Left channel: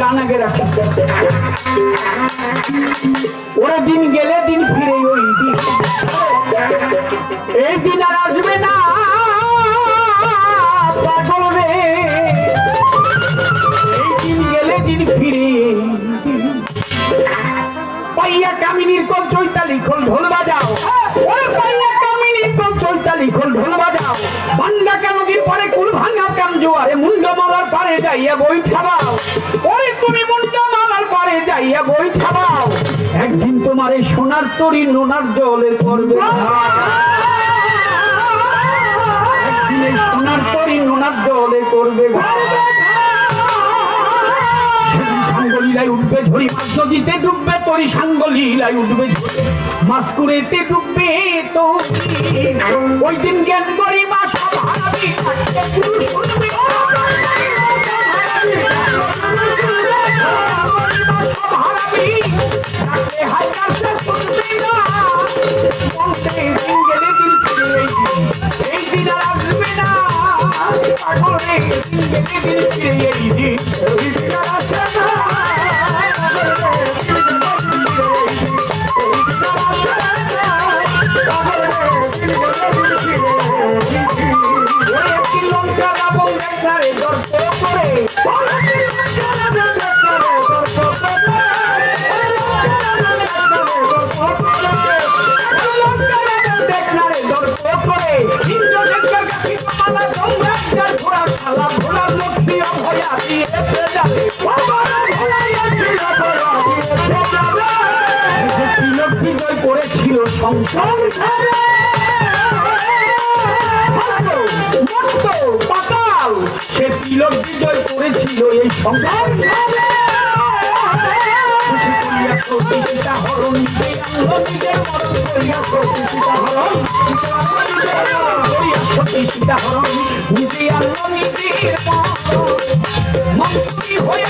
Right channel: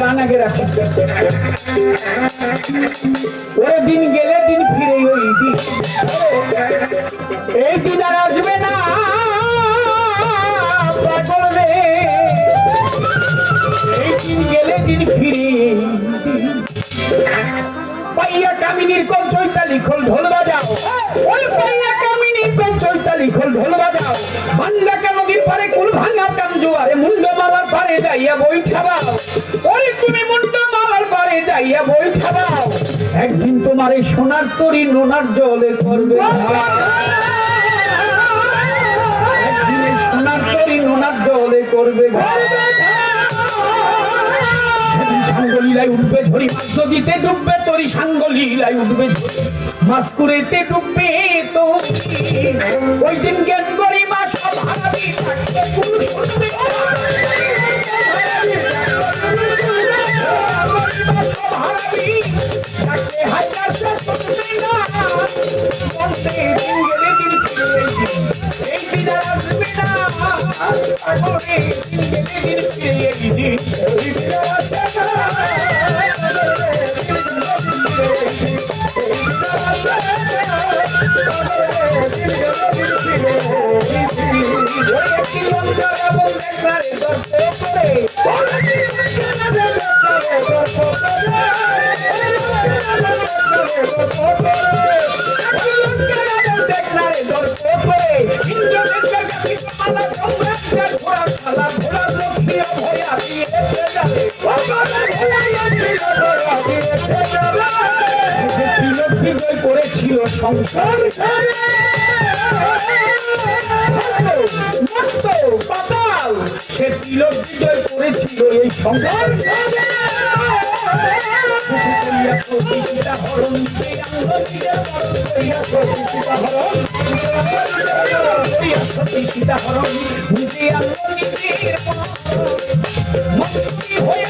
গান আগে রাখি। ওরা দিন গেলে দিন ফিরে ওই দিন, এই দিন আর আসবে না পাগল রে। এই দিন গেলে দিন ফিরে। পাইয়া কামিনীর কল চৈতালি খোল ঢোল বাজাও, ওরে পাইয়া কামিনীর কল চৈতালি খোল ঢোল বাজাও। ভাঙ্গা নদীর পারে কুল ভাঙ্গা কাম জোয়ারে মুন্ডমালার পারে যাইয়া বই ঠাবাও, ওরে তুমি মুন্ডমালার পারে যাইয়া বই ঠাবাও। একদিন তোমার এই সোনার তরি নোনার জলে করবে, একদিন এই সোনার তরি নোনার জলে করবে। সাঙ্গলীলায় উঠবে ঝরি, মাছ নদীতে ডুববে তরি, সাঙ্গলীলায় উঠবে ঝরি, মাছ কুড়েতে ডুববে তো। ওই দিন জ্ঞান করি মা সব হারাবি, পুরুষ শুনবে সব হারাবি, হাই কাছে শুনবে না। দিন গেলে দিন ফিরে এই দিন আর আসবে না পাগলে। দিন গেলে দিন ফিরে এই দিন, ওই দিন আর আসবে না। করেছিল সংসার পাতাল, সে তিলক বিজয় করেছিল এই সংসার। সীতাহরণ সীতাহরণ হয়ে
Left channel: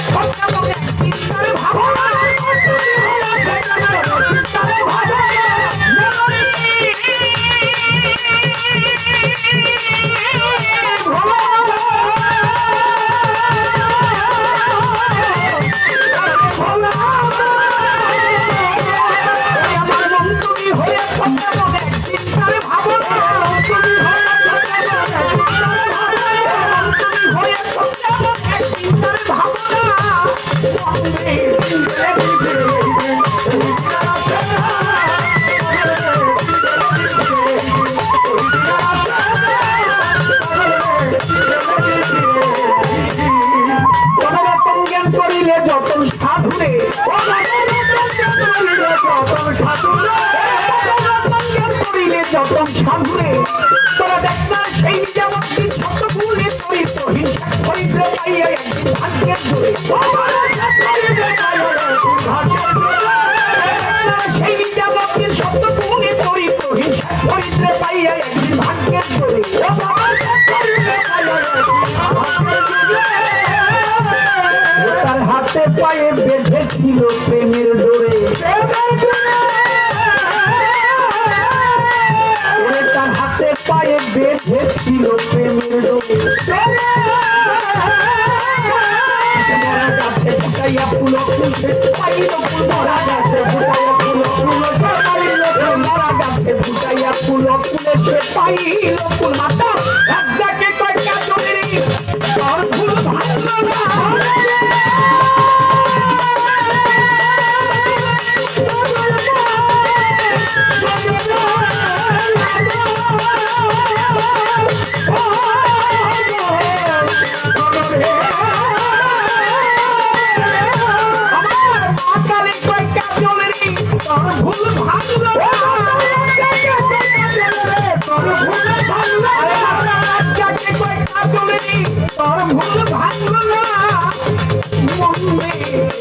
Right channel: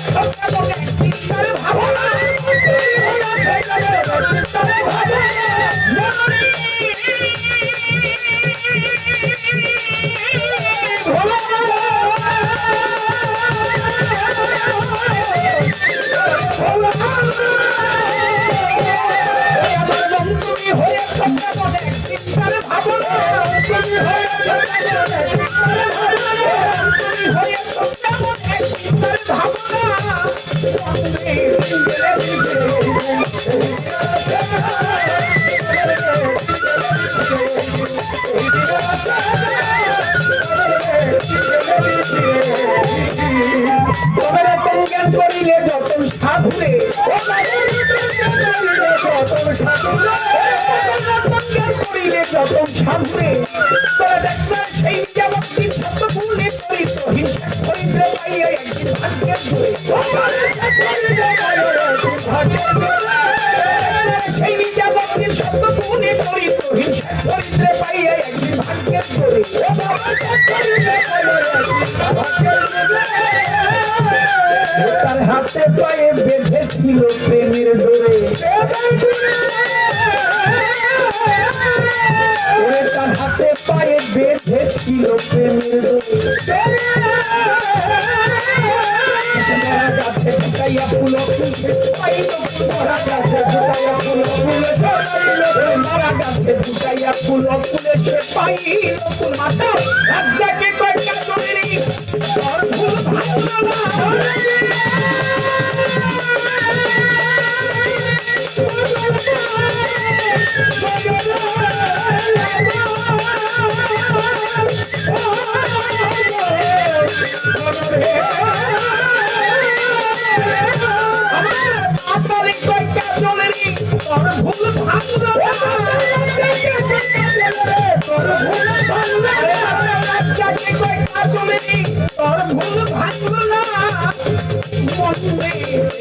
যতন সাধুরে তোরা ডাক্তার সেই যেমন শব্দ ভুলে করি তো হিংসা করিতে পাইয়া একদিন ভাগ্যের জোরে সেই যেমন শব্দ ভুলে করি তো হিংসা করিতে পাইয়া একদিন ভাগ্যের জোরে। তার হাতে পায়ে বেঁধেছিল প্রেমের ডোরে, তার হাতে পায়ে বেঁধেছিল প্রেমের ডোরে। মরা গাছে ফুটাইয়া ফুল ফুলছে পাইল ফুল, মরা গাছে ফুটাইয়া ফুল ফুলছে পাইল ফুল, মরা গাছে ফুটাইয়া ফুল ফুলেছে পাইল ফুল। মাতা রাজাকে কয়টা চুরি তোর ফুল ভাঙল না,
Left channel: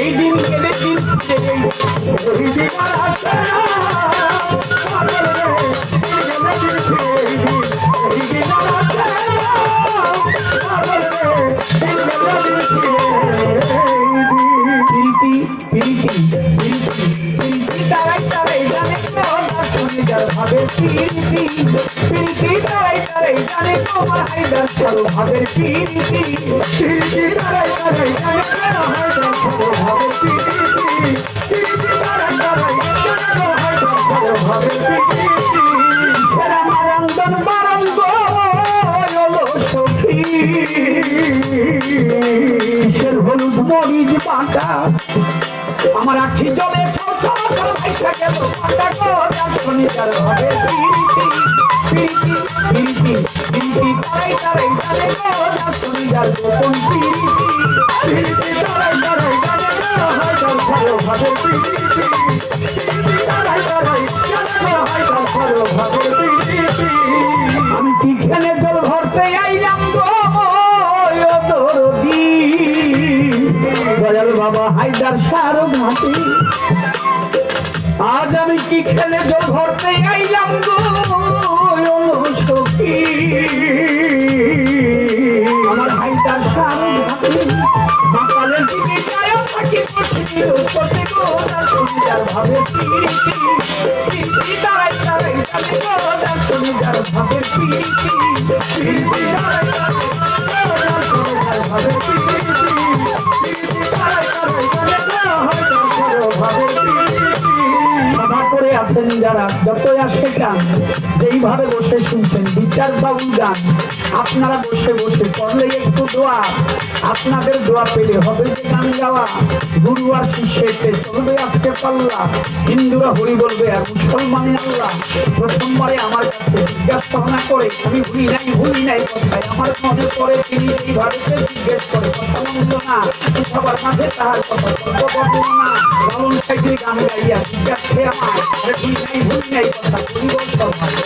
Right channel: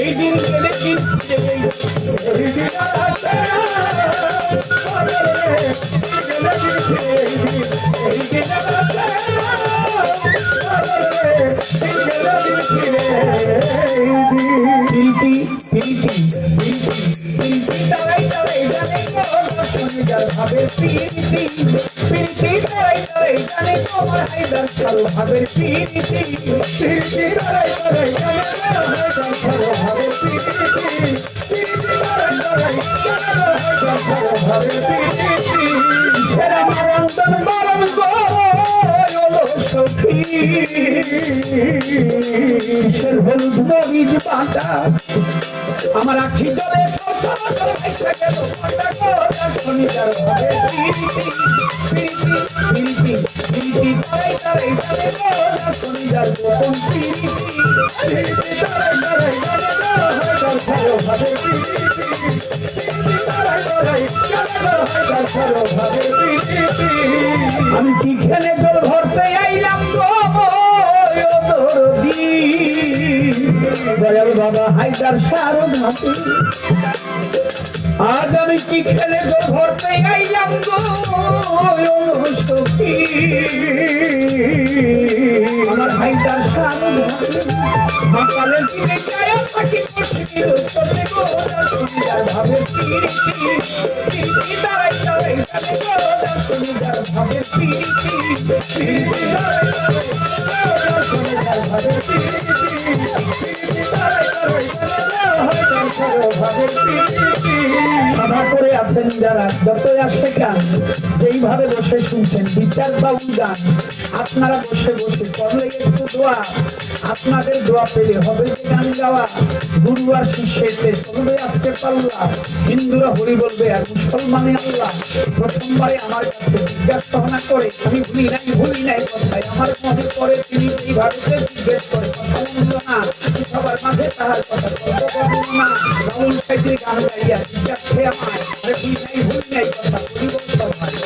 এই দিন গেলে দিন ভাবে সরিষের হলুদ মরিচ বাটা আমার আখি জলে শনিবার ঘরে শনিবার গোপন আমি কিখানে জল ভরতে আইলাম দয়াল বাবা হায়দার সার ঘাটে আজ আমি কি খেলে জল ভরতে আইলাম গো সখী আমার হায়দার সার ঘাটে সকালের দিকে যায় থাকি করতে গো শনিবার ভাবে দাঁড়াই দাঁড়াই যাবে গো শনিবার ভাবে শনিবার ভাবে সভা করে আছেন যারা যতই আসে গান যেইভাবে বসে শুনছেন বিচার বাবু গান আপনারা বসে বসে করলে একটু দোয়া আপনাদের দোয়া পেলে হবে যে গান গাওয়া গুরু আর শিষ্যকে চলবে আসতে পাল্লা হিন্দুরা হরি বলবে আর মুসলমানে আল্লাহ প্রথমবারে আমার কাছে জিজ্ঞাসা করে আমি ভুলি নাই কথায় আমার মনে করে তিনি এইভাবে জিজ্ঞেস করে কথা মন্দ না সবার মাঝে তাহার কথা না রাবণ সাইডে গান গাইয়া জিজ্ঞাসে আমার ভুলি নাই কথা ভুলি বলতে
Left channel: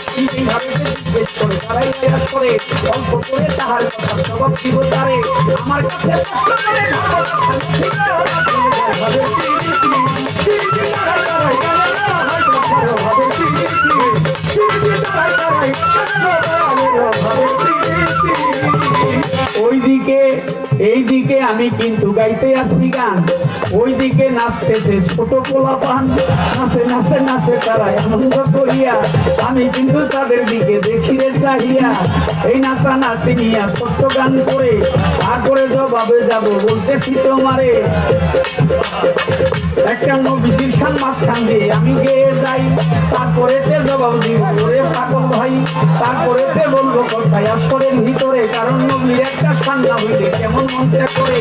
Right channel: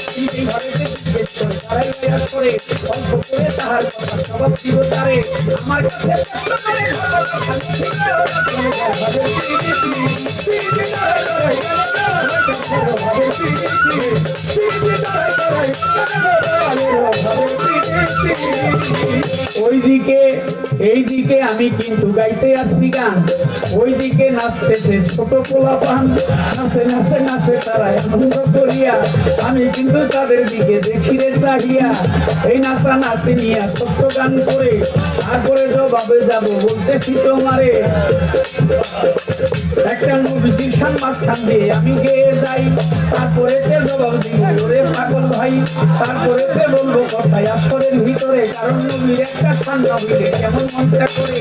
তিনি এইভাবে জিজ্ঞেস করে তারাই প্রয়াস করে অল্প করে তাহার কথা সবাব দিব তারে আমার কাছে ওইদিকে এইদিকে আমি কিন্তু গাইতে আসছি গান ওইদিকে নাচতেছে ছোট পোলা পান নাচে নাচে নাচে তারাই আনন্দ করিয়া আমি কিন্তু তাদের দিকে দেখিরে চাহিয়া এই নাচা নাচি নিয়া ছোট্ট গান করে আগরে জবাবে যাব বলতেছি তোমারে একটা নবীজির শান মাঝখান দিয়ে আমি গেয়ে যাই তারপরে জবাব দিব ওরে পাগল ভাই তারপরে বলবো কথায় আসরের ভিতরে কারণ নবীর একটা শান না হইলে কেমন মনটা করে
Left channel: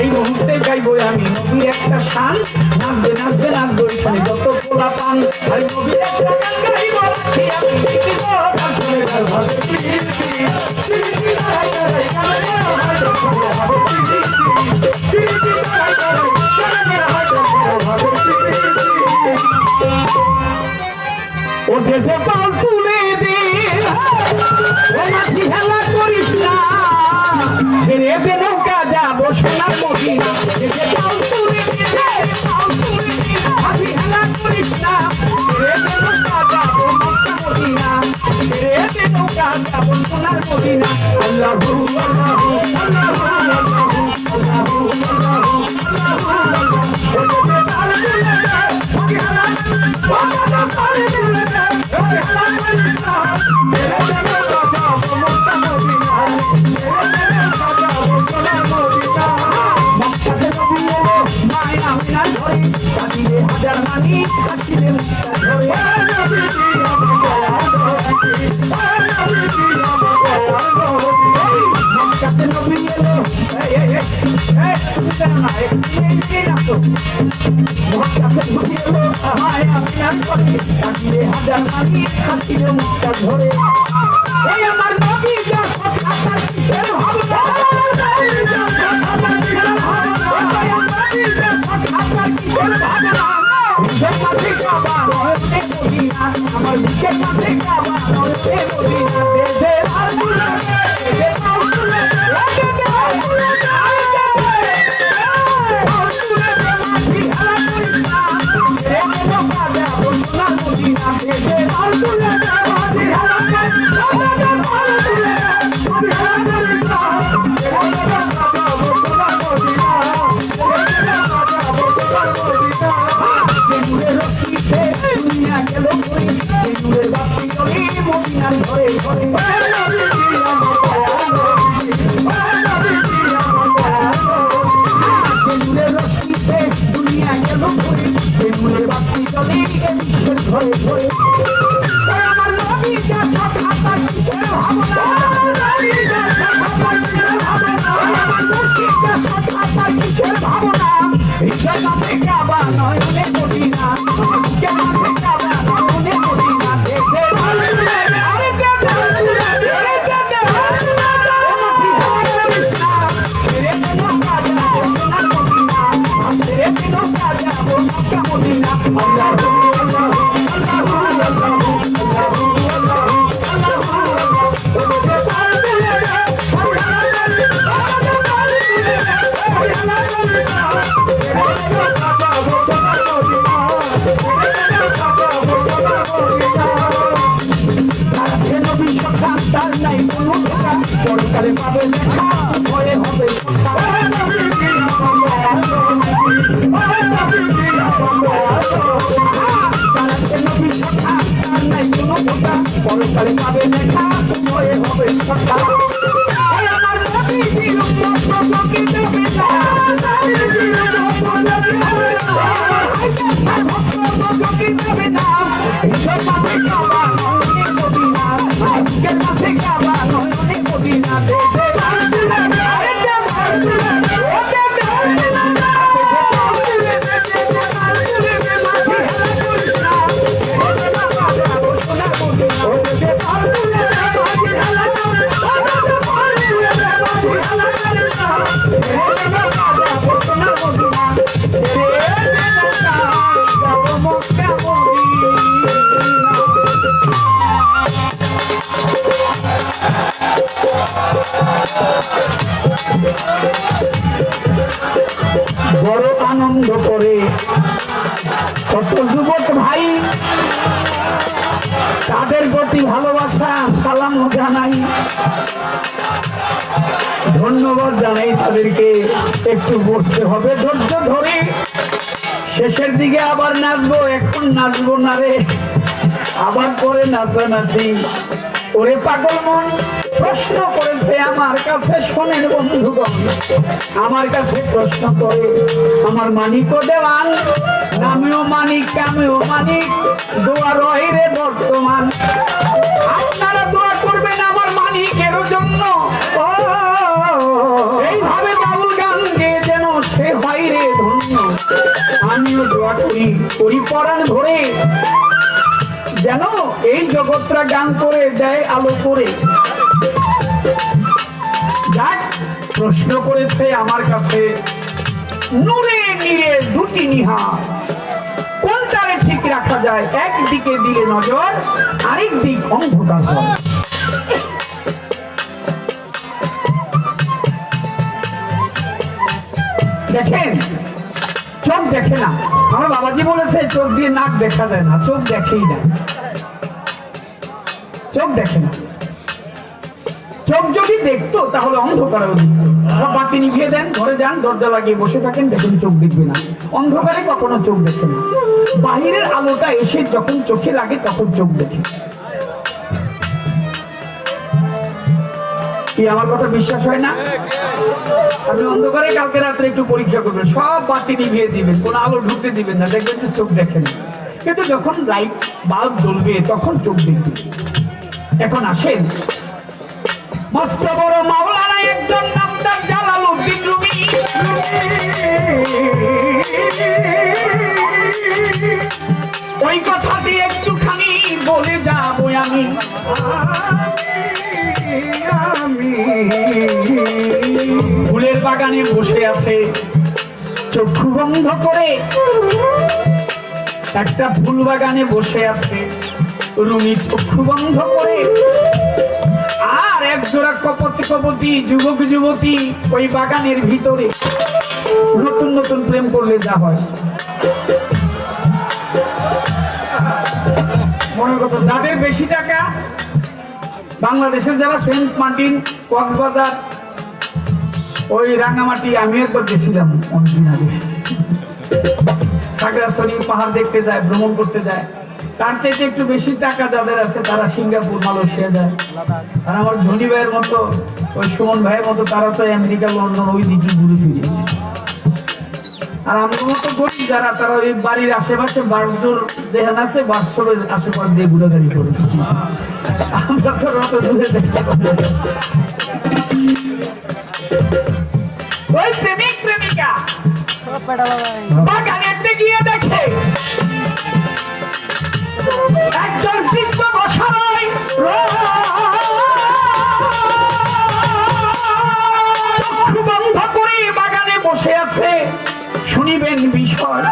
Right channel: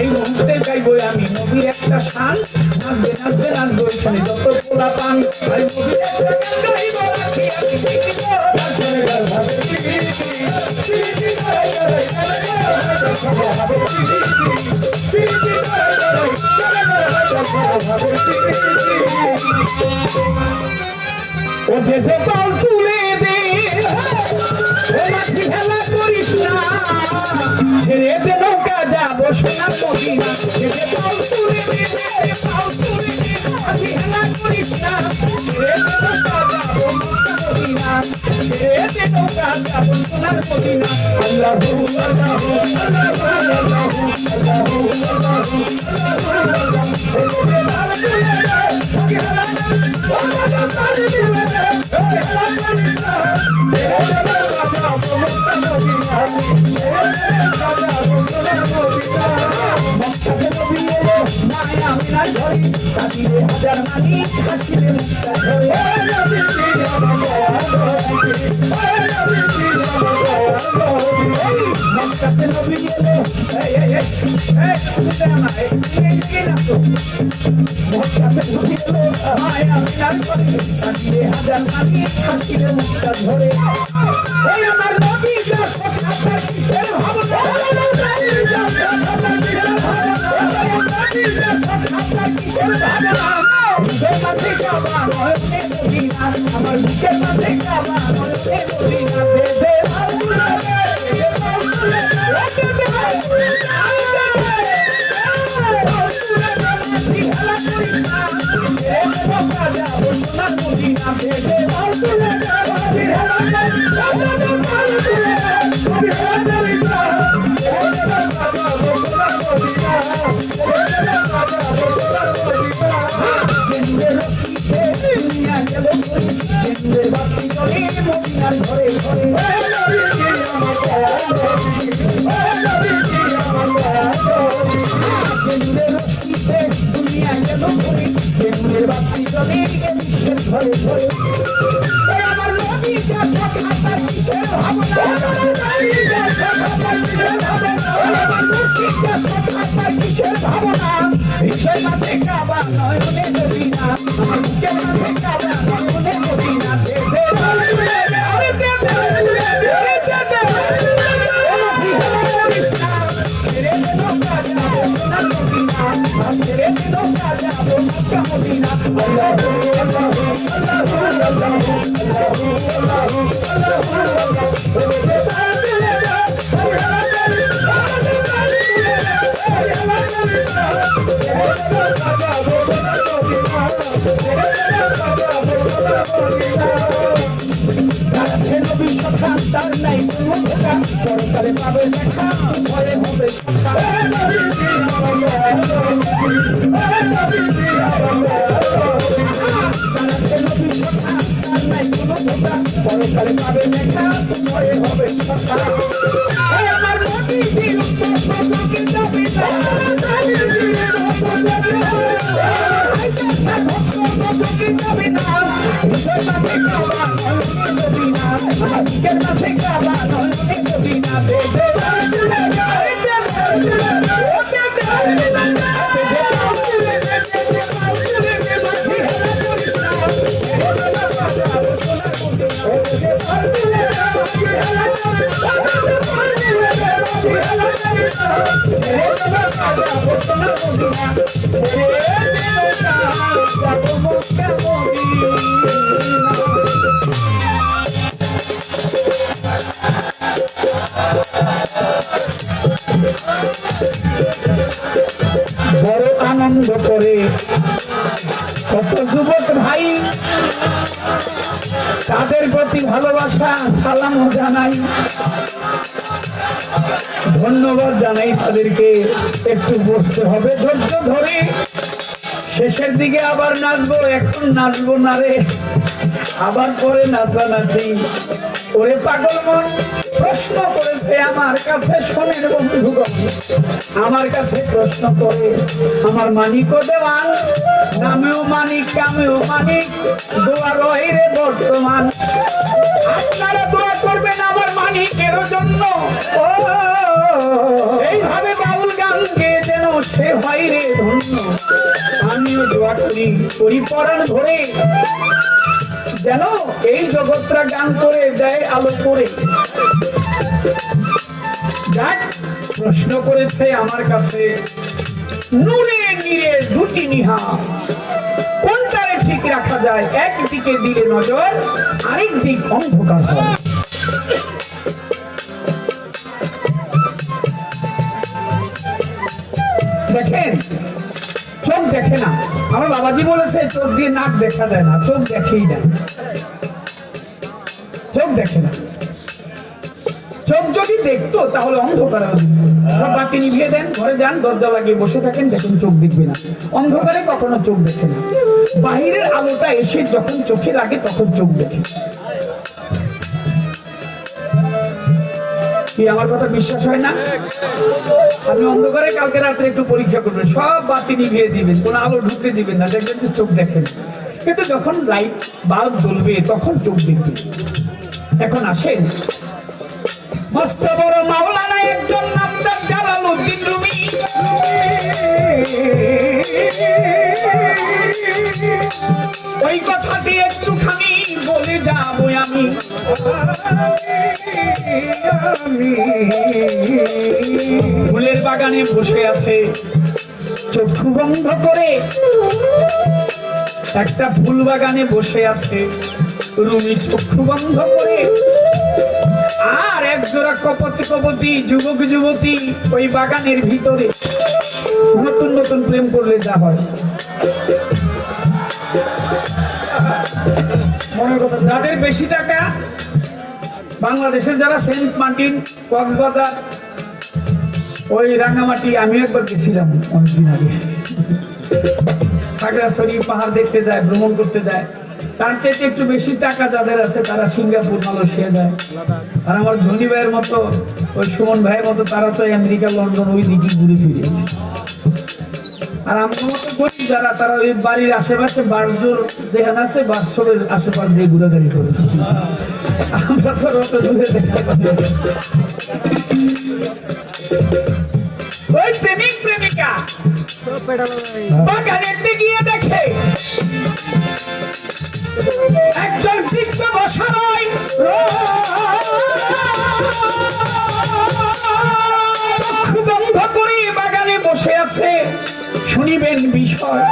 এই মুহূর্তে গাইবো আমি নবীর একটা শান নাচবে নাচবে নাচবো এখানে যত পোলা পান আর নবীর একটা গান গাইবো ও যে পাল তুলে দে ও মাঝি হেলা করিস না ছেড়ে দে নৌকা যাবো সোনার মদিনা যে পাল তুলে দে মাঝি হেলা করিস না ছেড়ে দে নৌকা যাবো মক্কা মদিনা ছেড়ে দে নৌকা যাবো সোনার মদিনা আল্লাহু আল্লাহু আল্লাহু আল্লাহু আমার বড় আনন্দ করে কত যুবক ভাই, তাদের প্রতি ভালোবাসা সালাম জানাই, ধন্যবাদ জানাই তাদেরকে। একটু বসতে হবে ধৈর্য ধরে, শেষের দিকে আবার নাচবো, এখন নাচবো না রে, আবার পরে নাচানাচি। ওরে পাগল মন প্রশ্ন করেছে আমার কাছে, শোনেন বন্ধুগণ, আমার কাছে প্রশ্ন করে আমার মানিক দেওয়ান, নামেও মানিক কামেও মানিক, দোয়া রয় রে বর্তমান। আপনারা দোয়া করবেন আমার মানিকের জন্য, এইভাবে বাউল গান গেয়ে যেন সে হয় রে ধন্য। আমিও দোয়া করি করি পরাণ ভরে, যেন এই জগৎটা গান করে দেয় আলো করে। যাক, প্রশ্ন করেছে আমার কাছে, নূরে নীরে দুটি নিহা, কোনটারে ঠিক রাখা যায়? একদিকে দিলে নজর, আরেক দিক অন্ধকার হয়। দেখেন, চোখ দেখে না, আমার বাবাজি বলেছে চোখ দিয়ে নাক দেখা যায় না, চোখ দেখেই না, চোখ দেখে না। চোখ যদি দেখতো তাহলে অন্ধকারে সব বাতি নিভিয়ে দেন, ঘরে যান, দরজা লাগিয়ে বসে থাকেন, দেখেন চোখ দেখবে না। অন্ধকারে কখনো চোখ দেখে না, বাহিরের আলোটা এসে যখন চোখে লাগে তখন চোখ দেখে। কি আমার কথা বিশ্বাস হয় না? আপনি অন্ধকারে কালকে রাত্রে একটু পরীক্ষা করবেন, সব বাতি নিভিয়ে দিবেন, কোনো আলো ঢুকতে দিবেন না, দেখবেন যে চোখ দেখেন। কিন্তু যখন লাইট বাল্ব জ্বলবে তখন চোখ দেখবে। এখন আসেন, মস্ত বড় মাওলানা একজন নাম তার জালালউদ্দিন রুমি। ওই কথাটি একটুখানি বলে যাবো আমি। ফুলের বাগানে বসে আছে চক্ষু বন্ধ করে, একটা ফুল বাগানে বসে আছে রুমি চক্ষু বন্ধ করে। আর একজোড়া কপতি যুবক যুবতী ওই বাগানের ভিতরে, নতুন নতুন প্রেম করলে যা হয়। মনে কথা, যাদের বেশি টাকা, বাংলাদেশের যারা সেন্ট মার্টিন, কক্সবাজার, ওই রাঙামাটি, আমি একবার গেছিলাম অনেকদিন আগে, খাগড়াছড়ি পাহাড় দেখতে যায়, ভ্রমণ করতে যায়। তার চাইতে একটু বেশি টাকা যাদের আছে তারা সিঙ্গাপুর, মালয়েশিয়া যায়। আর আমার ধনী ভাইয়ের মতো, ওই সুমন ভাইয়ের মতো, তারা তো আমেরিকা, লন্ডন ওই দিকে ঘুরে ফিরে। আর আমার মতো গরিব যারা, তারা ওই বাড়ির আশেপাশে বাসজোর যেখানে আছে, বাসজোরের আশেপাশ দিয়ে ঘুরাঘুরি করে। আমরা তো অত দূরে দেখতে পাই। ওই প্রেমিক প্রেমিকা বাগানে গিয়ে দেখে একজন বৃদ্ধ বসা নয়, চক্ষু বন্ধ করে বাগানে বসে আছে। শুনিবেন বিষয়,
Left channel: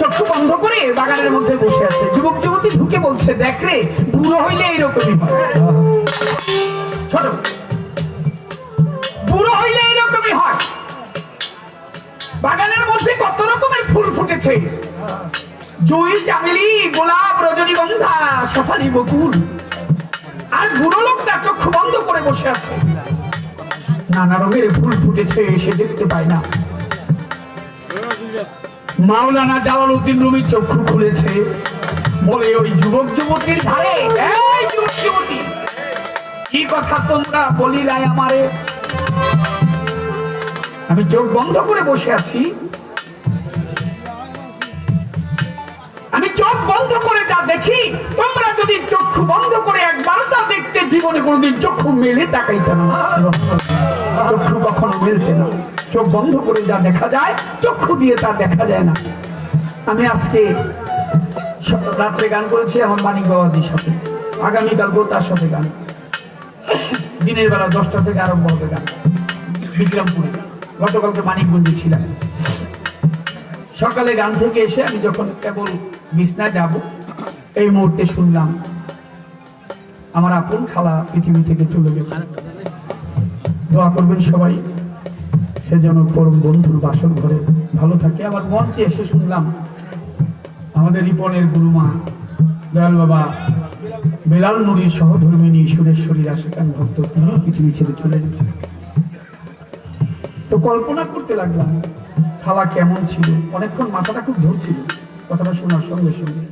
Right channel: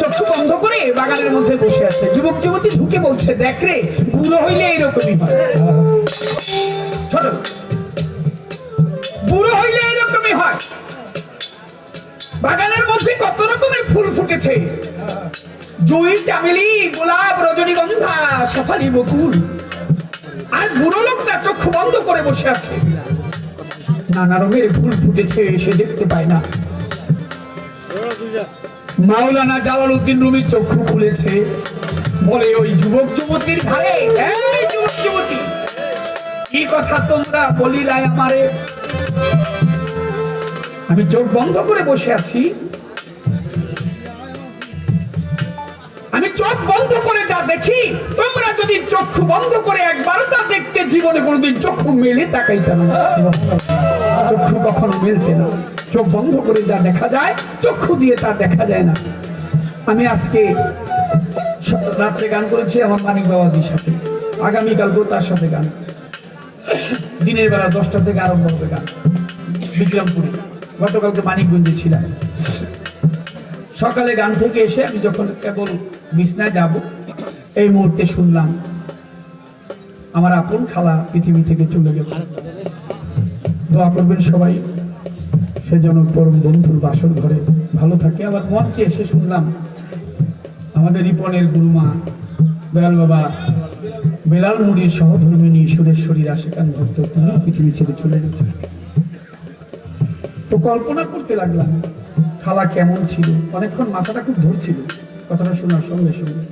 চক্ষু বন্ধ করে বাগানের মধ্যে বসে আছে। যুবক যুবতী ঢুকে বলছে, দেখ রে, বুড়ো হইলে এইরকমই হয়, ছোট বুড়ো হইলে এইরকমই হয়। বাগানের মধ্যে কত রকমের ফুল ফুটেছে, জুই, চামেলি, গোলাপ, রজনীগন্ধা, শেফালি, বকুল। আর বুড়ো লোকটা চক্ষু বন্ধ করে বসে আছে, নানা রঙের ফুল ফুটেছে, সে দেখতে পায় না। মাওলানা জালালউদ্দিন রুমি চক্ষু খুলেছে, বলে ওই যুবক যুবতীর ধারে, এই যুবক যুবতী, কি কথা তোমরা বলিলাই আমারে? আমি চোখ বন্ধ করে বসে আছি, আমি চোখ বন্ধ করে যা দেখি, তোমরা যদি চক্ষু বন্ধ করে একবার তা দেখতে, জীবনে কোনোদিন চক্ষু মেলে তাকাইতে না। চক্ষু কখনো মেলতে না। চোখ বন্ধ করে যা দেখা যায়, চক্ষু দিয়ে তা দেখা যায় না। আমি আজকে রাত্রে গান করেছি আমার মানিক বাবাজির সাথে, আগামীকালকেও তার সাথে গান। দিনের বেলা 10টা থেকে আরম্ভ হবে গান বিক্রমপুরে। গতকালকে মানিকগঞ্জে ছিলাম। সকালে গান থেকে এসে আমি যখন কেবল বিছনায় যাব, এই মুহূর্তে শুনলাম আমার আপন খালা পৃথিবী থেকে চলে গেছে। দোয়া করবেন সবাই, সেজন্য পরম বন্ধুর বাসর ঘরে ভালো থাকে। আবার মঞ্চে এসে শুনলাম আমাদের রিপনের গুরুমা দয়াল বাবা বেলাল নুরির সহধর্মিনী সুরেশ্বরী আশেকান ভক্ত, তিনি পৃথিবী ছেড়ে চলে গেছে। তো কল্পনা করতে লাগলাম খালা কেমন ছিল। অনেকক্ষণ মাথাটা খুব ধরছিল কথাটা শোনার সঙ্গে সঙ্গে।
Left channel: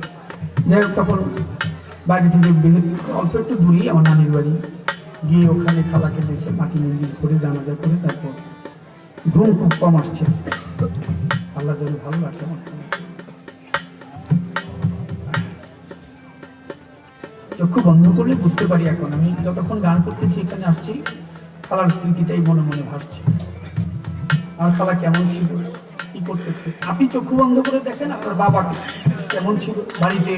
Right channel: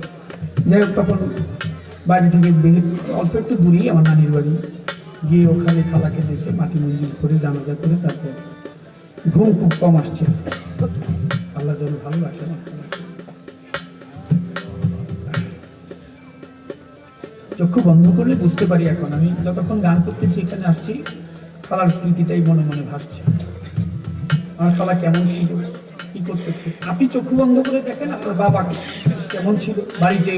যাই হোক, তখন বাড়ি থেকে অল্প একটু দূরেই আমার নানির বাড়ি গিয়ে ওখানে খালাকে দেখে মাটি মন্দির করে জানাজা করে তারপর ঘুম খুব কম আসছে। আল্লাহ যেন ভালো রাখে। চক্ষু বন্ধ করলে বুঝতে পারি, এখন আমি যতক্ষণ গান করতেছি এখানে আসছি, খালার স্মৃতিটাই মনে মনে ভাসছে। আমার খালা কেমন ছিল, কি করতেছে। আপনি চক্ষু বন্ধ করে দেখেন আপনার বাবা কেমন ছিল, বাড়িতে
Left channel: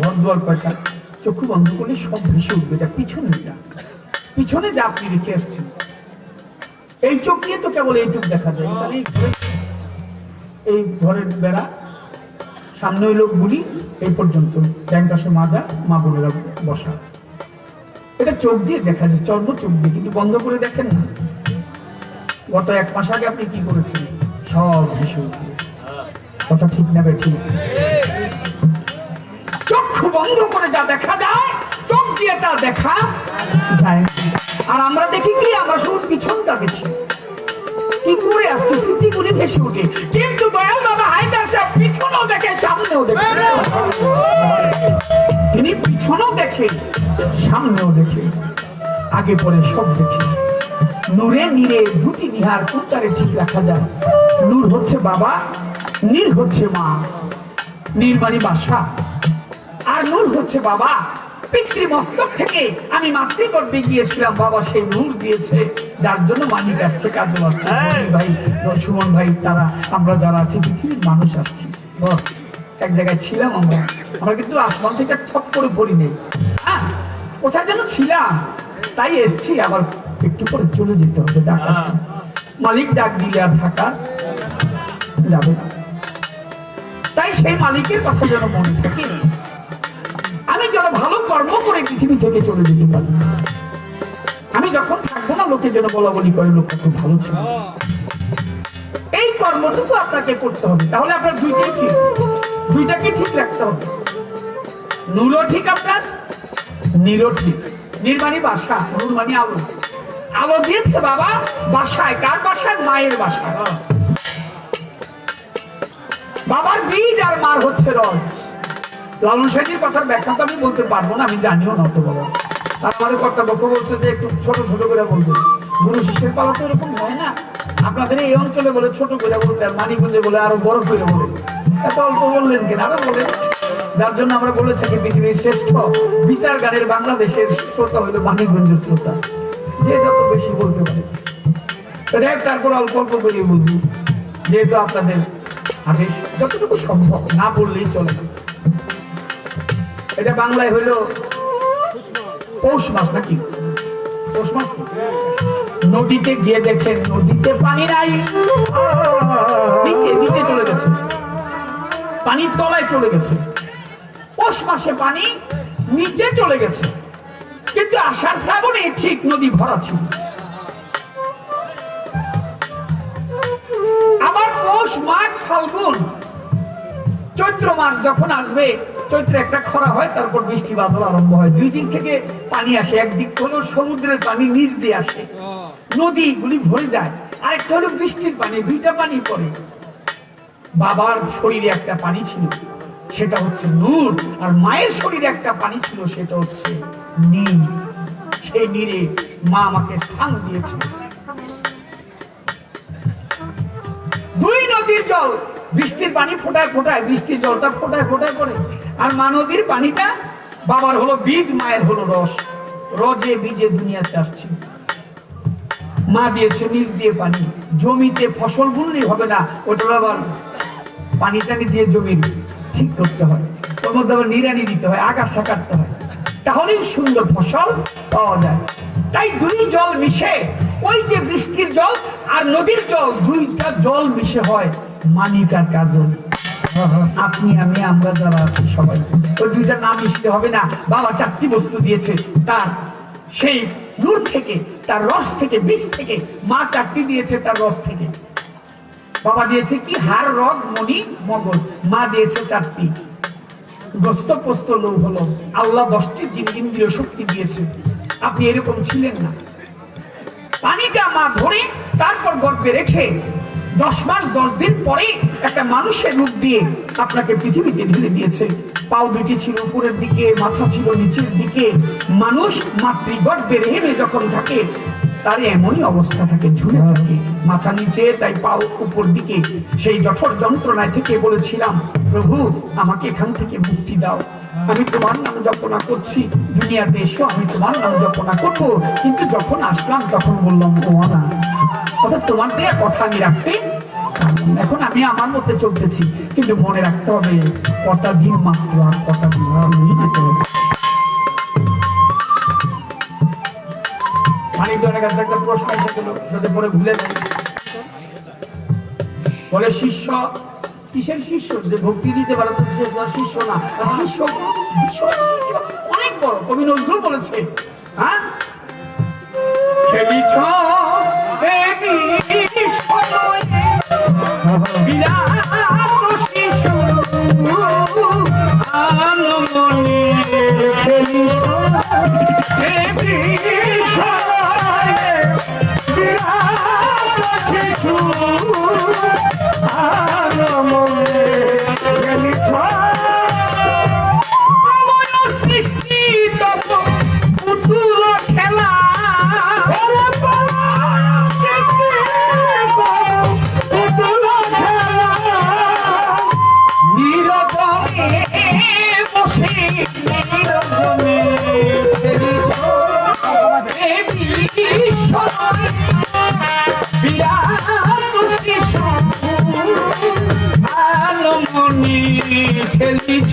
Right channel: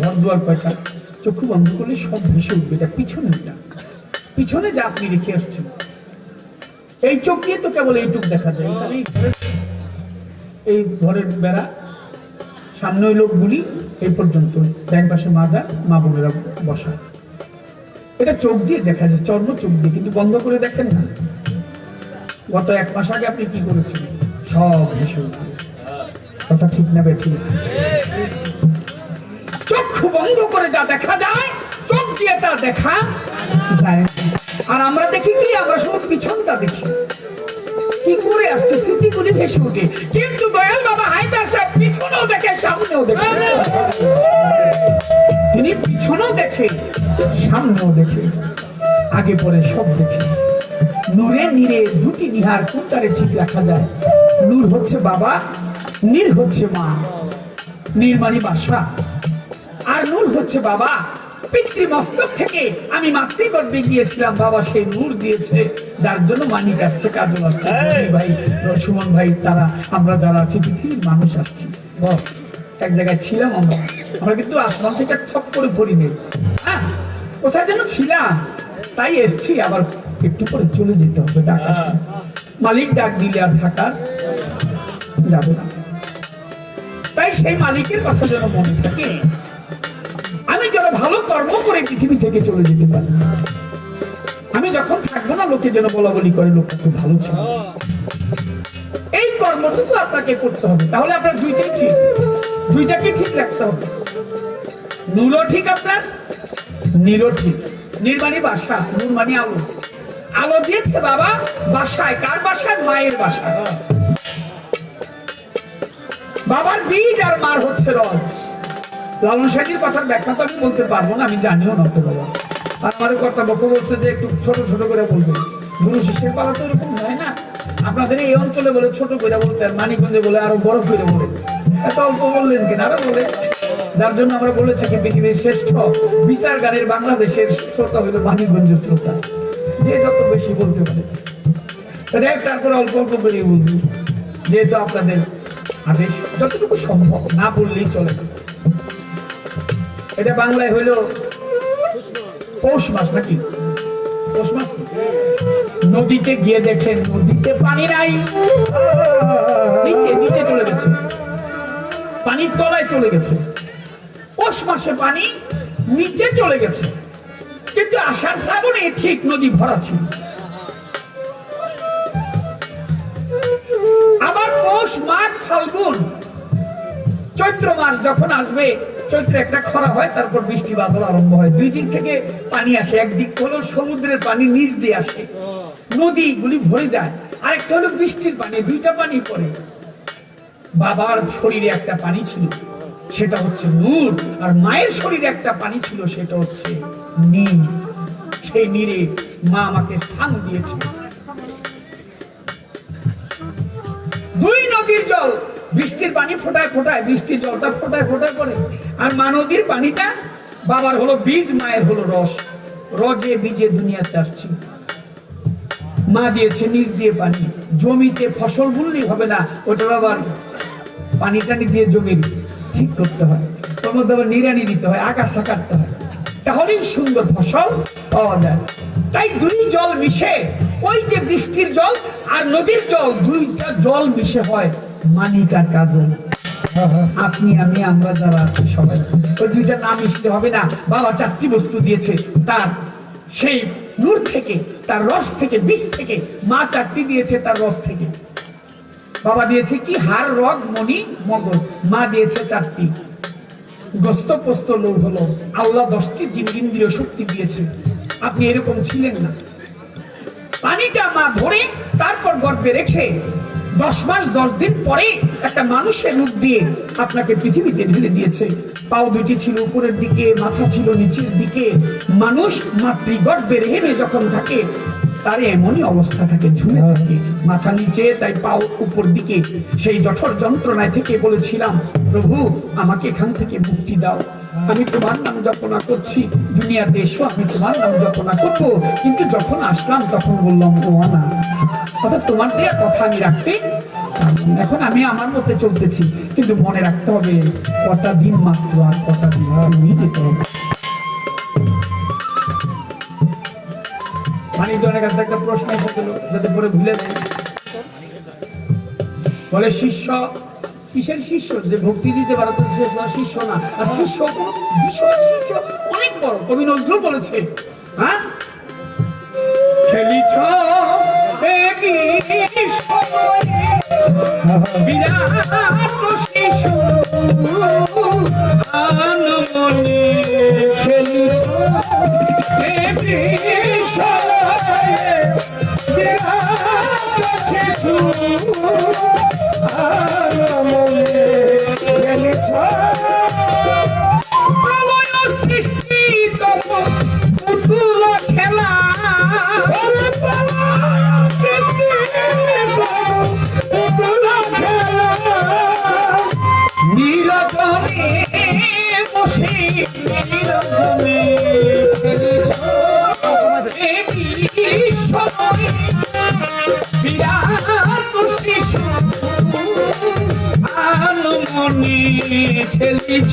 ঘর দুয়ার কয়টা, চক্ষু বন্ধ করলে সব ভেসে উঠবে। এটা পিছনে যা আপনি রেখে আসছেন, এই চোখ দিয়ে তো কেবল এইটুক দেখা যায়। এই ঘরের বেড়া, সামনে ওই লোকগুলি এই পর্যন্ত, ডান পাশে মাজা, মা বোনেরা বসা, এটা চোখ দিয়ে দেখা যায়, চর্ম চোখ দিয়ে। কিন্তু বন্ধ করে দেখেন না, গত 1 মাস আগে আপনি কি করেছেন, সব ভেসে উঠবে। কথা ঠিক না বেঠিক? চক্ষু বন্ধ করে যা দেখা যায়, চোখ দিয়ে তা দেখা যায়। আর আমরা দেখি কি, আমরা শুধু পিছনটা দেখি, কি করে আসছে স্মৃতিগুলি ভেসে উঠে। কিন্তু দয়াল বাবা হায়দার সাহেব পিছনেও দেখে, সামনেও দেখে। তিনি পিছনেও দেখে, সামনেও দেখে, আগে পরে সব দেখে। নূরে নীরে দুটি নিহার কোনটারে ঠিক রাখা যায়। নূর হচ্ছে বাবা, নীর হচ্ছে মা। নীর মানে বাসা, আর নূর হচ্ছে বাবা। পিতৃমস্তক থেকে আমি মাতৃগর্ভে গিয়েছিলাম, বাবা সেই নূর দিয়েছে, যার জন্য মানিক আসছে, কাজু আসছে, ভাই সুমন ভাই, তারা আমরা যারা আছি পৃথিবীর মানুষ আসছি। এক জায়গায় ছিলাম আমরা কিন্তু আসমান থেকে ঠপ করে পড়ি নেই। হ্যাঁ, কোথায় যেন ছিলাম, তাই এসছি। আবার একটু পরে চলে যেতে হবে, ডাক আসবে। মালিক ডাক দিলে আর থাকা যাবে না। তাই সেই মালিকের কথা যেন মনে থাকে, আমি যেন ভালো কর্ম করে পৃথিবী থেকে চলে যেতে পারি। আমি যখন থাকবো না, লোকে যেন বলা বলি করে লোক খুব ভালো ছিল। এই কর্মটুকু আপনাকে করতে হবে, তাহলে আপনার দুইটাই ঠিক, দুইটাকে ঠিক রাখতে হবে। নূরও ঠিক, আপনার নীরও ঠিক। নীর মানে বাসা, নূর মানে আলো। আলো দিয়েছে বাবা বাসায়, কার বাসায়? মায়ের বাসায়। বাবার বীজ আর মার হচ্ছে রং। লালন সাহেবের কথার ব্যাখ্যা তো আমি বলতে পারবো না, আমি জানিও না তো বলো। আর আমাদের কর্তব্য বলছে যে একটু ছোট ছোট করে বলবে। গুরু শিষ্যের পালা তো এরকম হয় না। আপনাদের এই অঞ্চলে বলে ছোট করে বলতে, আর মানিকগঞ্জে বলে আরো বড় করে বলে। এত অল্প বললেন কেন? আরো বলে, যার জন্য আমরা বলে থাকি পৃথিবীর শ্রেষ্ঠ বিচার গানের বাংলাদেশের শ্রোতা হইল মানিকগঞ্জের শ্রোতা, যে যত বেশি বলতে পারে। তারপরে অল্প অল্প করে বলবি, যেহেতু আপনাদের আদেশ, যতটুকু সম্ভব না বললেই চলে না। এটা বাংলায় হইল পৌষ মাস, নাকি পৌষ মাস? নদীতে গিয়ে দেখেন নদীতে পানি নাই, নিচে নিচে চলে গেছে, পানির তলায় চলে গেছে। পৌষ মাসে পানি নিচে চলে গেছে, কিন্তু আষাঢ় শ্রাবণে ঠিক নদী ভরা ছিল। আবার পৌষ, মাঘ, ফাল্গুন, চৈত্র মাস যখন আসবে, চৈত্রে একটা খরা হয়, তারপর বৃষ্টি বাদল আরম্ভ হয়। দুই দিক থেকে পানি আসে, একদিক হলো সমুদ্রের পানি নিচ দিয়ে আসে, নদীগুলি ভরে যায়, আরেকটা হলো বৃষ্টির পানি, দুইটা পানি পড়ে। বাবার শরীরে একটা পানি ছিল, সেটা হচ্ছে নূর, আর মায়ের শরীরে একটা পানি ছিল, সেটা হচ্ছে নীর। সেই নীরে মা আমাকে স্থান দিয়েছে। জল বৃষ্টির পানি ফোটায় ফোটায়, বৃষ্টির জলটা ফোটায় ফোটায় পড়ে। আর মা নদীর পানিটা বাবার হলো বীজ, মায়ের হলো রস। রজে বীজে দুনিয়াতে আসছে, মা দিয়েছে নিজ দিয়ে পানি। জমিতে ফসল বুনলেই হবে না, ওটার আবার পানি টানি দিয়ে জমি ঠিক করতে হয়, ওর মধ্যে আবার নিড়ানি দিতে হয়, আগাছা কাটতে হয়, তাহলেই সুন্দর ফসল পাওয়া যায়। তাই দুই জল মিশে, ওই যে বৃষ্টির জল আর নদীর জল, দুইটা জল মিশে হয় মানিকার কাজল। আপনি আমি আমরা যারা আছি সবাই ওই দুইটা নাম মিশতে হবে না। বাবা চারটি বস্তু দিয়েছে, তার সেই নূর থেকে, তার রস থেকে, বীজ থেকে। মা চারটি দিয়েছে তার রস থেকে। বাবা দিয়েছে কি? হাড়, রগ, মণি, মগজ। মা দিয়েছে চারটি, গোস্ত, পোস্ত, লোভ হলো। আল্লাহ 10টি ইন্দ্রিয় শক্তি দিয়েছে। আপনি এরকম ছিলেন না। পানিটা মা ধরে তারপর গর্ভে রেখে 10 মাস 10 দিন পরে একটা মানুষের রূপ দিয়ে আপনাকে পৃথিবীতে ঢেলে দিয়েছে। পাও দুটি ছিল উপরের দিকে, মাথা ছিল নিচের দিকে। মানুষ মাতৃগর্ভে রেহেমে যখন থাকে তার এমনই অবস্থা থাকে, ঝুলে থাকে, মাথা নিচে, তাই পাও উপর দিকে। সেই জঠর যন্ত্রণায় থেকে বলেছিলাম, প্রভু আমাকে এখান থেকে মুক্তি দাও, আমি তোমার নাম জপনা করছি, দুনিয়াতে এসো, আমি তোমার নাম জপনা করবো। কিন্তু যখন আসলাম তখন বললাম ও না, অর্থাৎ তোমার দেয়া কথা আমি রাখতে, এখন আমি আমার মধ্যে চলতেছি। কিন্তু মনে রাখতে হবে কটা দিন মাত্র, আর কটা দিন নিয়ে যেতে হবে। অনেক একটা প্রশ্ন এসেছিল, যাতে পরে ভুলে যায়, বলে শিষ্য কিসের শিষ্য? যে ভক্তি দিতে পারে তো শিষ্য না। আর শিষ্য বিষয়, শিষ্য অনেক বড়। কবি নজরুল বলেছে, হ্যাঁ, খেলিছ বিরাট শিশু আনমনে, খেলিছ খেলিছ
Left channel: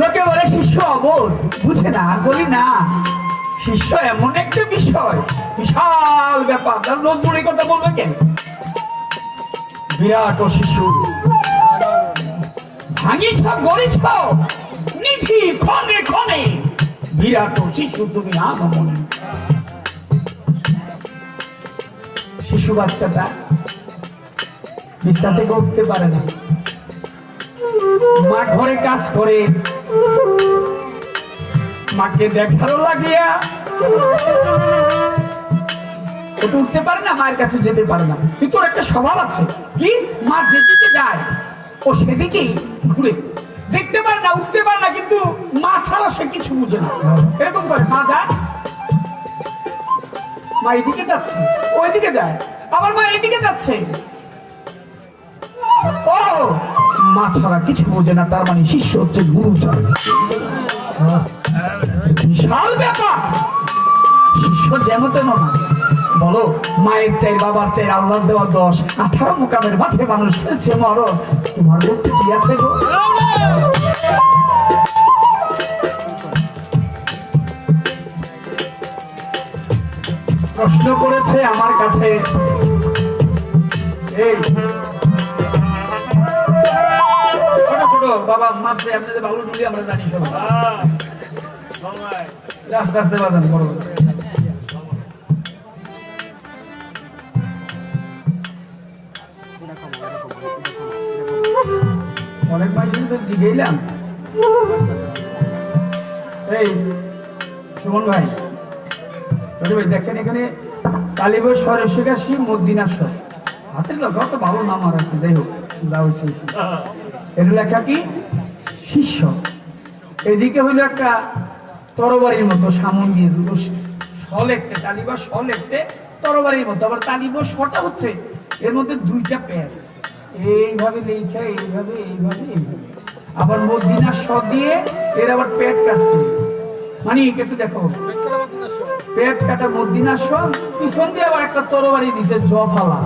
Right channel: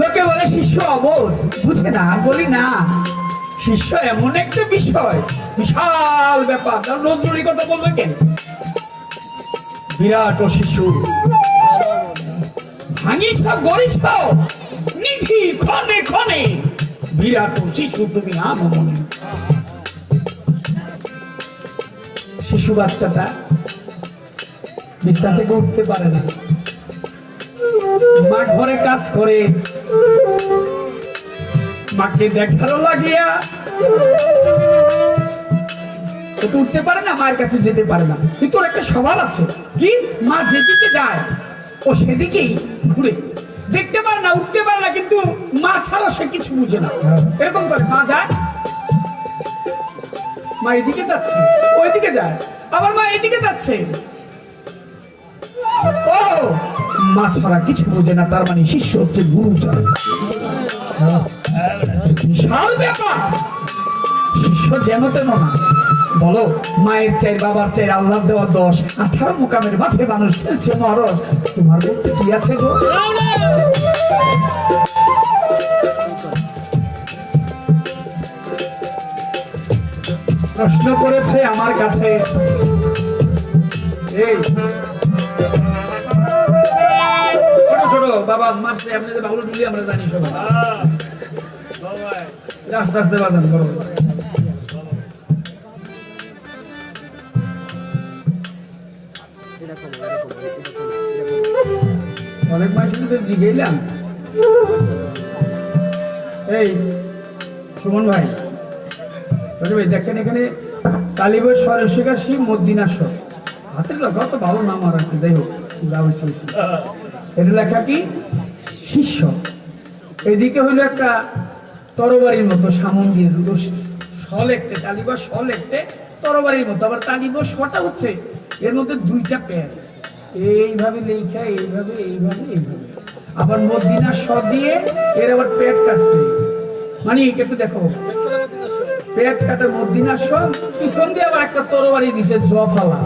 লোকে বলে শিষ্য অবোধ, বুঝে না। বলি না, শিষ্য এমন একটা বিষয়, বিশাল ব্যাপার। নজরুলি কথা বলবে কেন? বিরাট ও শিশু ভাঙিছ গড়িছ নিধি ক্ষণে ক্ষণে, বিরাট ও শিশু তুমি আনো মনে। শিশু বাচ্চাটা বিছানা থেকে উঠতে পারে না, মা ঘরে কাজ করে, মাকে দেখারও লাগিয়া ও তো উঠতে পারে না, মায়ের কাছে যেতে পারে না। কিন্তু ওর একটা স্বভাব আছে, কি? মা যেদিকে যায় ও সেদিকেই ঘুরে, দেখতে পারে না, উঠতে পারে না, কিন্তু মা ছাড়া সে কিছু বুঝে না। এরকম করে মা যায়, মা এদিকে যাচ্ছে, ওইদিকে যায়, আবার মা এদিকে যাচ্ছে, ও মা ছাড়া কিছু বোঝে না। তার মানে শিষ্য হচ্ছে গুরু ছাড়া। বিশাল ব্যাপার। শিষ্য যেন তেন না। বলো, মায়ের চাই, বাবার চাই, আল্লাহ দেওয়া 10, 18 মোকামের মাঝে মানুষ খেলছে মরণ। তোমার বলতে কি আছে গো? প্রশ্ন করেছে আমার কাছে, এই ছোট বাবা মারছে, আপনাদের বাবুল বলি আমরা জানি সবাই, আস্তে আস্তে বাজান বড়। অনেক মাসে তো জিগেইলাম। এই সুমন ভাই, দেখেন এখানে কালীবর সরস্বী মদিনার হাতের লোক তো ভালো নাম আর কি, যাই হোক যা হয়েছে এর লেখা কি? শিষ্য। এদিকে হইলো একটা তরবারির মতো সামন দিয়ে দুটো সলেকতে তালিবা সলেকতে তরবারির মতো, আবার তালিবা শটা হচ্ছে এর মধ্যে দুইটা পেজ এইভাবে লেখা এইভাবে এইভাবে এইভাবে, আবার মদিনা শ দিয়ে এর আবার পেট কাটছে, মানে একটু দেখো পেট কাটা মদিনা শ, পিছন দিয়ে আবার একটা তরবারি দিছে জফালা।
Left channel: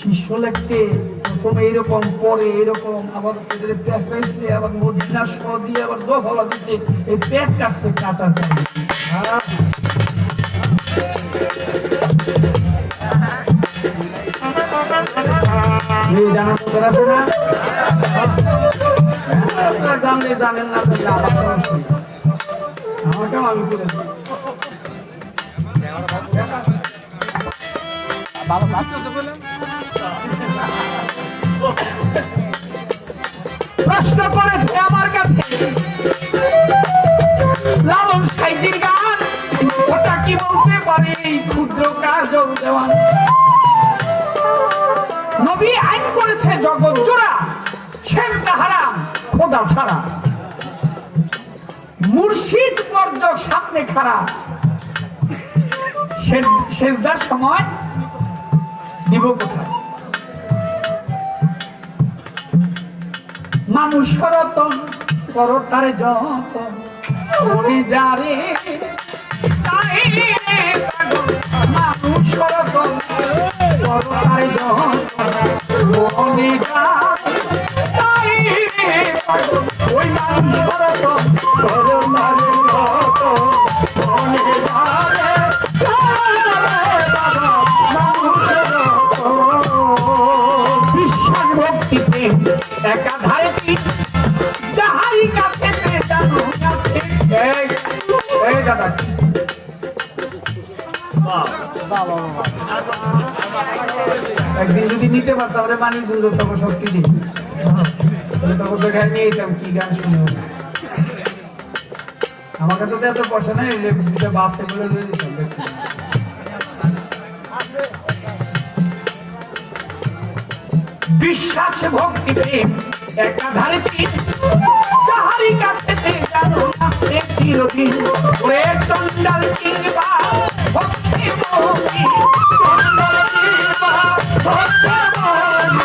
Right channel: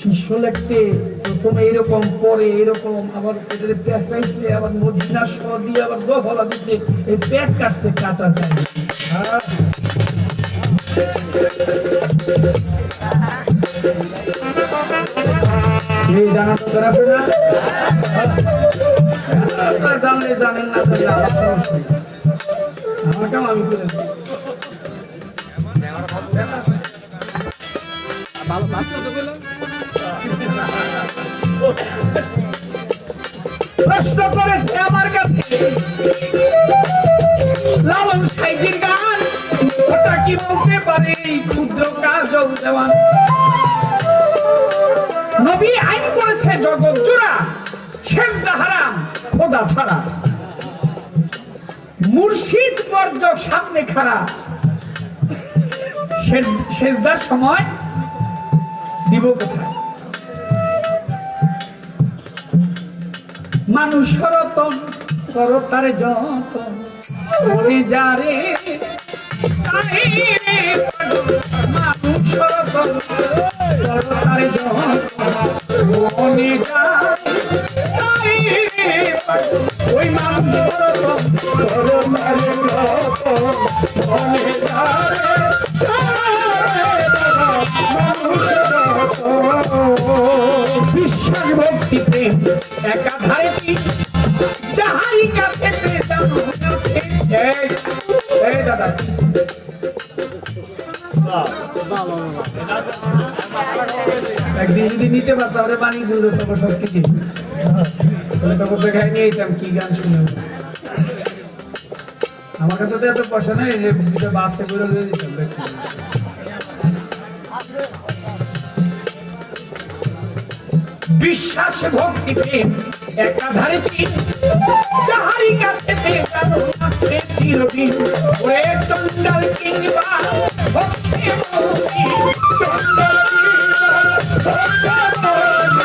শিষ্য লেখতে প্রথমে এইরকম, পরে এরকম, আবার পেঁচাইছে, আবার মদিনা শ দিয়ে আবার জফালা দিচ্ছে, এই পেট কাটছে কাটা। জানা দরকার আছে না? জানলে জানেন না, আমাকেও আমি করেছি। প্রশ্ন করেছে আমার কাছে লালন সাইজির গান, ওটা কি বলতে পারে এই ক্ষুদ্র কাজল দেওয়ান? নবী আইন করেছে জগৎ জোড়া, সেজদা হারাম খোদা ছাড়া, মুর্শিদ বর্জক সামনে খারাপ, সেজদার সময় দিব কোথায়? মানুষ রতন করো তারে যতন, মনে যারে মানুষ রতন করো তারে যতন, মনে যারে ওই মানুষ রতন করো তারে যতন, মনে যারে বিশ্বাস ভক্তিতে একাধারে যাহারি কাছে জানো আছে। এই দাদা একদিন যদি নিতে পারতো তাহলে বানিয়ে দিল, তখন শক্তি দিন, তাহলে তখন বেকার নিয়ে যেতাম কি গান শুনে। আমার কাছে তো এত পয়সা নেই, বাসে করে লিয়ে দিতাম। বিশ্বাস ভক্তি প্রেম একাধারে যাহারি কাছে জানো আছে চিরদিন, ওরে চন্ডাল কিংবা ভক্তি মুক্তি, চন্ডাল কিংবা ভক্তি মুক্তি,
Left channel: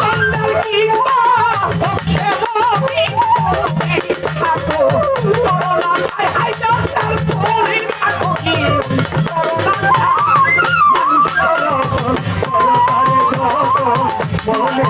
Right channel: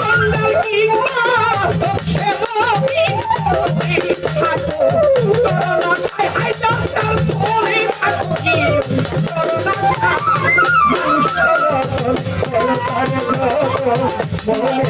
চন্ডাল কিংবা ভক্তি মুক্তি থাকো করোনা হাই দশটার পরে থাকো কি করোনা মানুষ করো বলে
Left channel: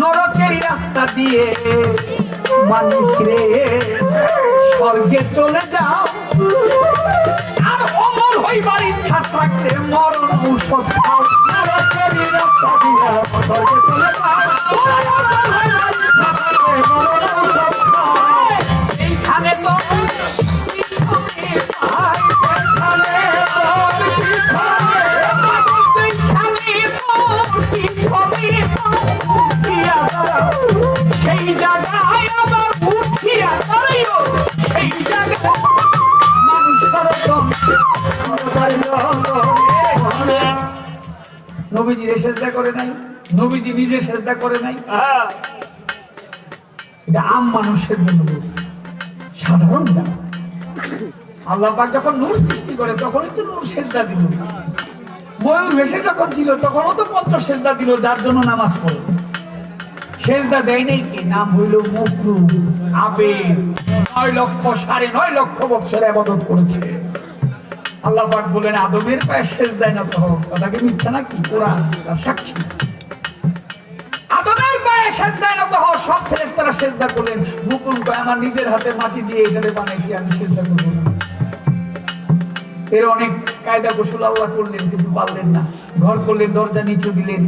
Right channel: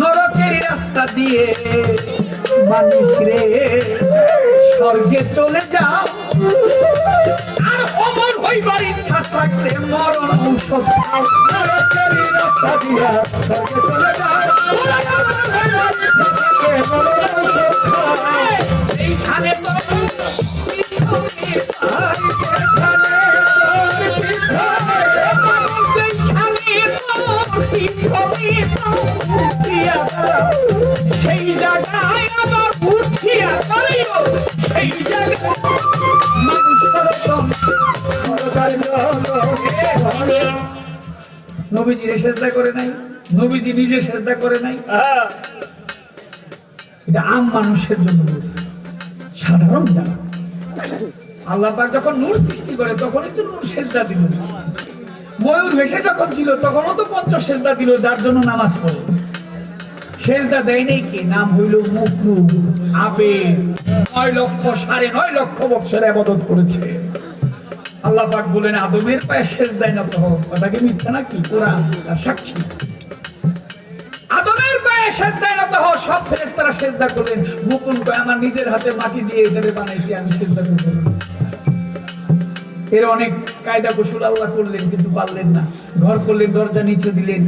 নরকের রাস্তা দিয়ে মানুষ রে স্বর্গে চলে যাও, আর অমর হইবার ইচ্ছা থাকলে মরণ ঔষধ খাও। নরকের রাস্তা দিয়ে স্বর্গে চলে যাও, এইখানে সেই জায়গায় আবার উঠিয়া সেই জায়গায় মানুষ নবীজির সেজদা করে নাই, নবীজি নিজে সেজদা করে নাই। এটা আম মানুষের জন্য বলছে, সাধারণ যারা। আল্লাহ পাক যখন নূর সৃষ্টি করে তখনই তো নূর সেজদা দিল। ময়ূর ভেসে যখন ছিল তখনও তো পঞ্চ সেজদা দিল, যার জন্য নামাজ পড়ে। সেজদা দেয় নাই কি? নাম হইল মুকরু আবে 9,9,9 লক্ষ বছর ইবাদত করেছে। আল্লাহ পাক বলেন আদমের পায়ে সেজদায় নত হও। কথা কি মিথ্যা নাকি? কোরআন তার সাক্ষী। আদমের পায়ে সেজদায় নত হও। সব ফেরেশতারা সেজদা করলেন। মুকুল কয় আমার নিজের হাতে মাটি দিয়ে এটারে বানাইছি, আমি সেজদা করব না। এর অনেক কায়দা কৌশল আল্লাহ করলেন, কিন্তু পারলেন না। ঘর করলেন, দরজা নিচু দিলেন,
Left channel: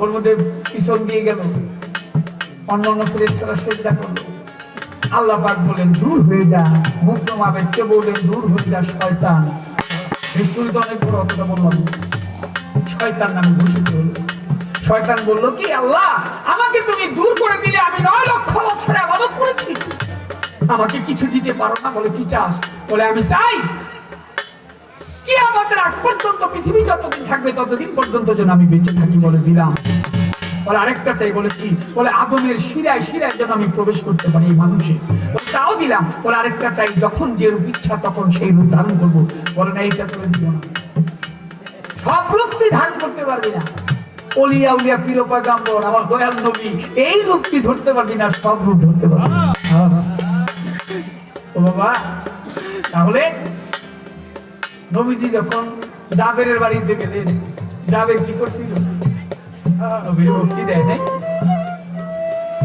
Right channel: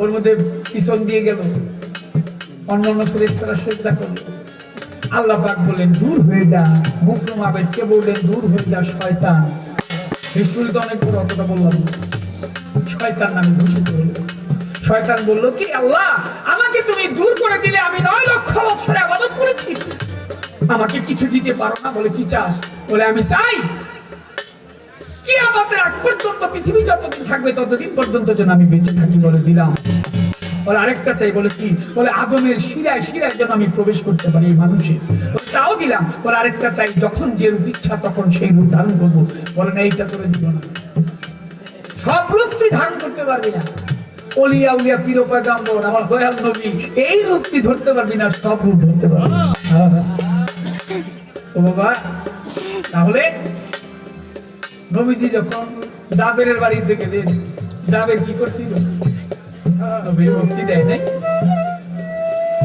ওর মধ্যে পিছন দিয়ে গেল। অন্যান্য ফেরেশতারা সেজদা করলো। আল্লাহ পাক বলেন দূর হয়ে যা। মুকরম আবেদকে বললেন দূর হয়ে যা শয়তান। হিস্ট্রি তো অনেক বড়, অতটা বললাম। শয়তান নামে ঘোষিত হলো। শয়তান বলল কি আল্লাহ আমাকে তুমি দূর করে দিলে, আমাকে কিছু দিতে পারো না? বলে কি চাস? বলে আমি চাই কি আমাদের আগ পর্যন্ত পৃথিবী যতদিন থাকবে ততদিন পর্যন্ত যেন আমি বেঁচে থাকি। বলে দিলাম। বলে আরেকটা চাই। বলে কি? বলে আদমের শিরায় শিরায় যেন আমি প্রবেশ করতে পারি এই মানুষের। বলে তাও দিলাম। বলে আরেকটা চাই, যখন যে রূপ ইচ্ছা তখন সেই রূপ ধারণ করবো। বলে না, এইটা তোরে দিব না। সব রূপ তুই ধারণ করতে পারবি না। অলিয়া উলিয়া পীর পয়গম্বর আমার দয়াল নবী এই রূপ তুই ধরতে পারবি না, সব রূপ ধরতে পারবি না। ও বাবা, তাহলে নবীজি যখন জাবেরের বাড়িতে গেলেন, জাবের কি করছিল? নবী মুক্তি দেয় নাই।